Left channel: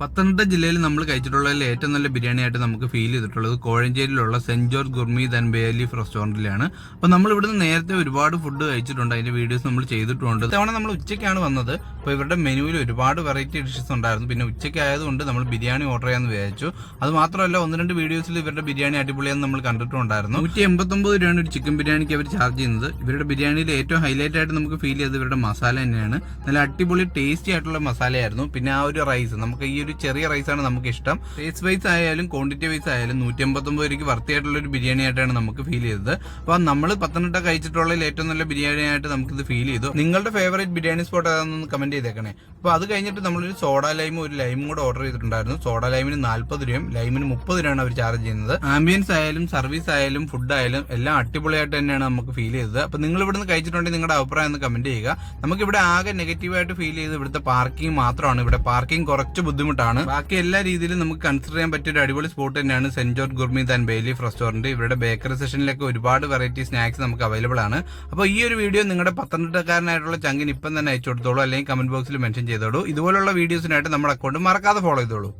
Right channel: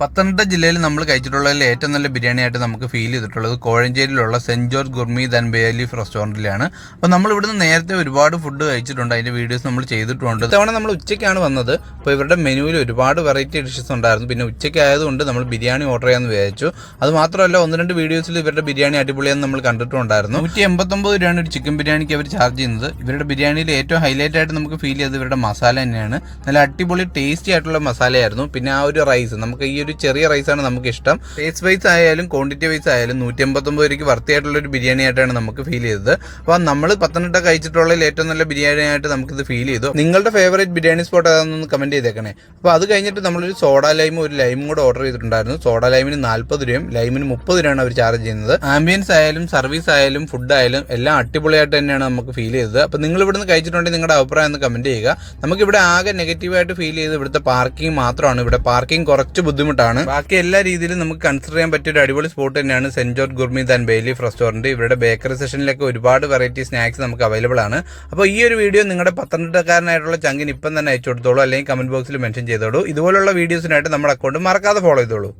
പത്തനംതിട്ട ജില്ലയിൽ നമ്മൾ കഴിച്ചിട്ടുള്ളതിൽ ഏറ്റവും നല്ല ബിരിയാണി ആയിട്ട് നമുക്ക് ഫീൽ ചെയ്തിട്ടുള്ളത് കോഴഞ്ചേരിയിലുള്ള saint George gourmet and bay leaf റെസ്റ്റോറൻറ്റിലാണ്. അപ്പോൾ നമ്മൾ ഇവിടുന്ന് നേരത്തെ ഒരുപാട് ഫുഡ് കഴിച്ചിട്ടുണ്ട്, അതിൻ്റെ വീഡിയോസ് നമ്മൾ ചെയ്തിട്ടുണ്ട്. ഇത്തവണ നമ്മൾ ഉച്ചയ്ക്കാണ് വന്നത്. അപ്പോൾ ഇവരുടെ മെനുവിൽ ഒരുപാട് വെറൈറ്റി ഡിഷസ് ഉണ്ടായിരുന്നു. പിന്നെ ഉച്ചയ്ക്ക് ആയതുകൊണ്ട് നമ്മൾ ബിരിയാണി ഓർഡർ ചെയ്യാമെന്ന് വിചാരിച്ചു. അത് മാത്രമല്ല, ഒന്ന് രണ്ട് വീഡിയോസിൽ ഇവരുടെ ബിരിയാണി അടിപൊളിയാന്ന് നമ്മൾ കണ്ടിട്ടുണ്ടായിരുന്നു. 189 രൂപയാണ് ഒരു ചിക്കൻ ബിരിയാണിക്ക് അവർ ചാർജ് ചെയ്യുന്നത്. ഇവരുടെ ബിരിയാണിയിൽ ഏറ്റവും ഹൈലൈറ്റ് ആയിട്ട് നമുക്ക് ഫീൽ ചെയ്തത് ഇവരുടെ മസാല തന്നെയാണ്. നല്ല അടിപൊളി ടേസ്റ്റി ആയിട്ടുള്ള മസാലയായിരുന്നു. പിന്നെ ആ ഒരു റൈസ്, നമുക്ക് ഈ ഒരു ചെറിയ റൈസാണ് നമുക്ക് ഇഷ്ടം. ടേസ്റ്റ് വൈസ് ആയാലും ക്വാണ്ടിറ്റി വൈസ് ആയാലും 189 രൂപയ്ക്ക് വർത്തിയായിട്ടുള്ള ഒരു ബിരിയാണി ആയിട്ടാണ് നമുക്ക് ഫീൽ ചെയ്തത്. അപ്പോൾ നമ്മൾ പത്തനംതിട്ട കഴിച്ചിട്ടുള്ളതിൽ ഏറ്റവും നല്ല ബിരിയാണി ആയിട്ട് നമുക്കിത് ഫീൽ ചെയ്തു. നിങ്ങളുടെ ഫേവറേറ്റ് ബിരിയാണി സ്പോട്ട് ഏതാണെന്ന് കമന്റ് ചെയ്തേക്കണേ. അപ്പോൾ അത് കഴിഞ്ഞിട്ട് നമ്മളൊരു സോഡ ലൈമും ഒരു ലൈമും കൂടെ ഓർഡർ ചെയ്തിട്ടുണ്ടായിരുന്നു. സോഡ ലൈമിന് 40 രൂപയും ലൈമിന് 30 രൂപയാണ് അവർ ചാർജ് ചെയ്യുന്നത്. ആംബിയൻസ് ആയാലും സർവീസ് ആയാലും ഫുഡ് ആയാലും എല്ലാം അടിപൊളിയായിട്ട് തന്നെയാണ് നമുക്ക് ഫീൽ ചെയ്തത്. അപ്പോൾ നിങ്ങൾ ഇവിടുന്ന് കഴിച്ചിട്ടുണ്ടെങ്കിൽ നിങ്ങളുടെ അഭിപ്രായം ഒന്ന് കമന്റ് ചെയ്യുക. നമുക്കിവിടെ ആകെ നെഗറ്റീവായിട്ട് ഫീൽ ചെയ്ത് ഇവിടുത്തെ പാർക്കിംഗ് മാത്രമാണ്. ഇവിടെ പാർക്കിംഗ് കുറച്ച് ബുദ്ധിമുട്ടാണ്. ബാക്കി എല്ലാ രീതിയിലും നമുക്ക് കൺസിഡർ ചെയ്യാൻ പറ്റിയ ഒരു അടിപൊളി സ്പോട്ട് തന്നെയാണ് saint George gourmet and bay leaf restaurant. ഇവരുടെ ബേക്കറി സെഷനിലൊക്കെ ഒരുപാട് വെറൈറ്റി സ്നാക്സ് നമുക്ക് അവൈലബിൾ ആണ്. അപ്പോൾ ഈ ഒരു വീഡിയോ നിങ്ങളുടെ പത്തനംതിട്ടക്കാരനായിട്ടുള്ള ചങ്കിന് ഇപ്പം തന്നെ അയച്ചു കൊടുത്തോളൂ, അല്ലെങ്കിൽ കമന്റ് ബോക്സിൽ മെൻഷൻ ചെയ്തോളൂ. ഇതുപോലുള്ള വീഡിയോസിനായിട്ട് നമ്മുടെ അക്കൗണ്ട് മറക്കാതെ ഫോളോ ചെയ്തോളൂ.